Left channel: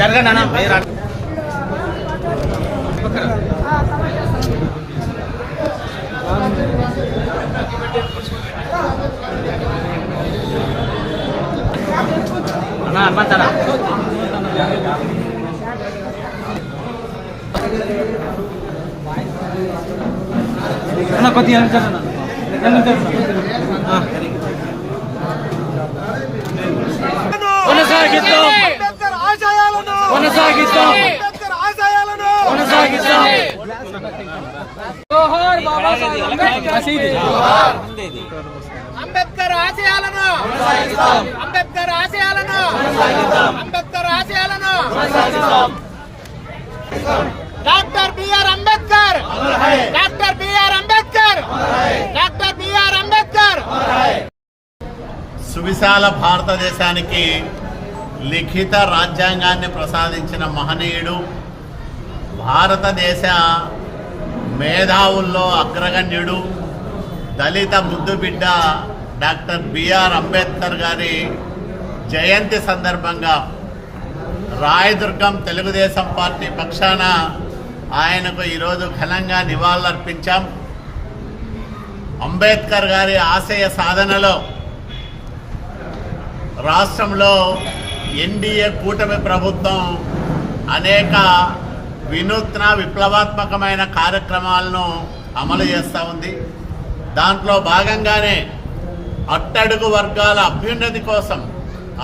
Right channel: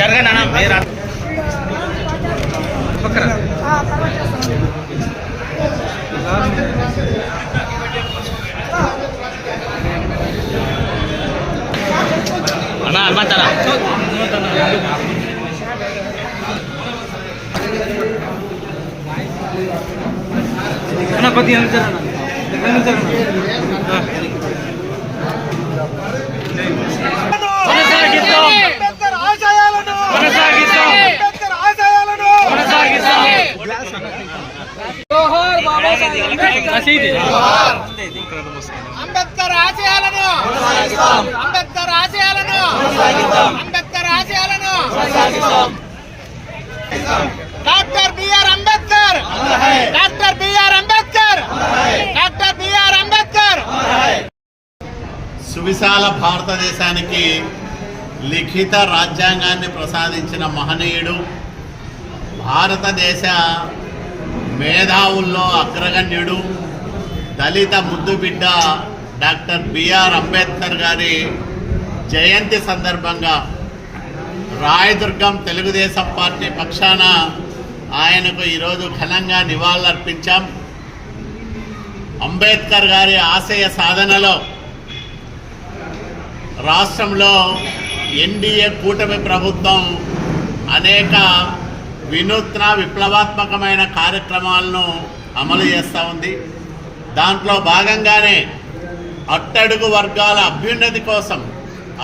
జరగనా అంబేద్కర్ ఆశయాలను అంబేద్కర్ ఆశయాలను అంబేద్కర్ ఆశయాలను doctor B R Ambedkar doctor B R Ambedkar doctor B R Ambedkar. సువిశాల భారతదేశానికి లిఖిత రాజ్యాంగాన్ని ప్రసాదించిన మహనీయుడు, భారతదేశ మేధావుల్లో అగ్రగణ్యుడు, దళిత ముద్దుబిడ్డ డాక్టర్ బిఆర్ అంబేద్కర్ గారి జయంతి సందర్భంగా రాయదుర్గం తెలుగుదేశం పార్టీ పక్షాన ఆయనకు ఈరోజు ఘనంగా నివాళులర్పించాం. అంబేద్కర్ గారి ఆశయ సాధనలో రాష్ట్రంలో ఎన్డీఏ కూటమి ప్రభుత్వం అనేక వినూత్న విప్లవాత్మకమైన కార్యక్రమాలను అమలు చేస్తూ ఉంది. దాంట్లో భాగంగానే అట్టడుగు వర్గాల అభ్యున్నతి కోసం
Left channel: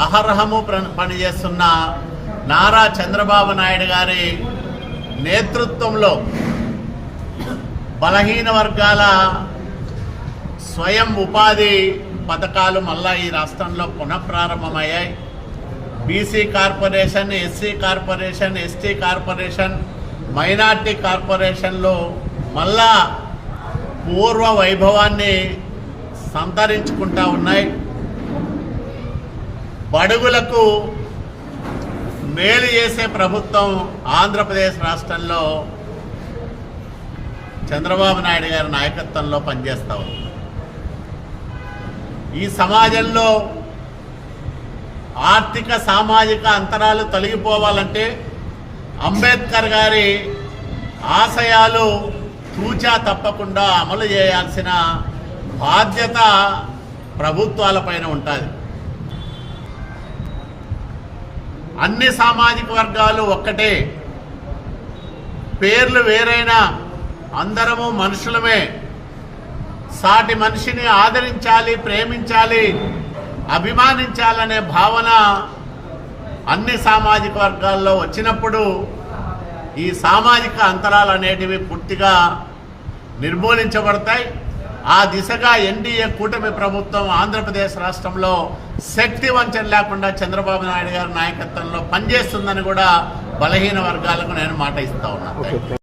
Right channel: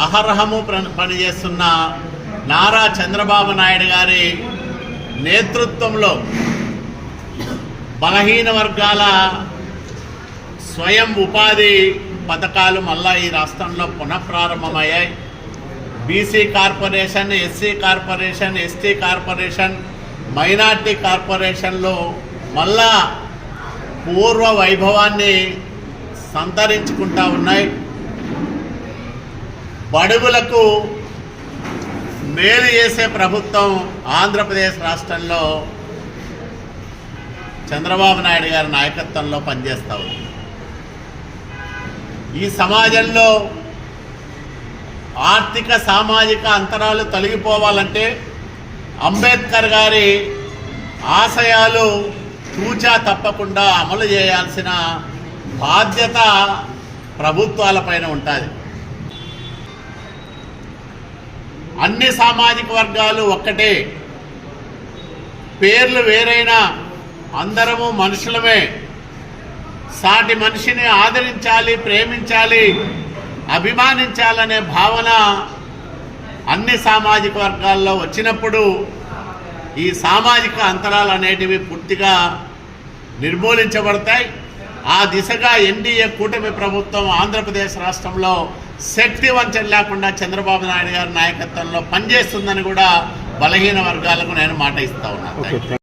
అహర్హము పనిచేస్తున్న నారా చంద్రబాబు నాయుడు గారి నేతృత్వంలో బలహీన వర్గాల స్వయం ఉపాధి పథకాలు మళ్ళా ఈ రాష్ట్రంలో పునఃప్రారంభమయ్యాయి. BC corporation, SC corporation, ST corporation, minority కార్పొరేషన్లు మళ్ళా పూర్వ వైభవాన్ని సంతరించుకుంటా ఉన్నాయి. బడుగులకు మేలు చేసే ప్రభుత్వం ఆంధ్రప్రదేశ్ రాష్ట్రంలో చంద్రబాబు నాయుడు గారి నాయకత్వంలో పనిచేస్తూ ఉంది. ఈ సమాజంలో ఆర్థిక సామాజిక అంతరాలు తొలగిపోవాలంటే అంబేద్కర్ గారి ఆశయాలు తూచా తప్పకుండా అమలు చేయాల్సిన బాధ్యత ప్రభుత్వాలపైన ఉంటుంది. అన్ని సామాజిక వర్గాలు ఒక్కటే, పేర్లు వేరైనా అందరము మనుషులమే. సాటి మనిషిని ఆదరించాలి, ప్రేమించాలి, అభిమానించాలనే భావన అన్ని సామాజిక వర్గాల్లో వచ్చినప్పుడు ఈ సామాజిక అంతరాలు అనేటివి పూర్తిగా నిర్మూలించబడతాయి. ఆ దిశగా ఎన్డీఏ కూటమి ప్రభుత్వం ఆంధ్రప్రదేశ్ రాష్ట్రంలో శక్తి వంచన లేకుండా చంద్రబాబు నాయుడు గారి నాయకత్వంలో పనిచేస్తుందని కూడా బలహీన వర్గాలకు నేను మాట ఇస్తా ఉన్నాను.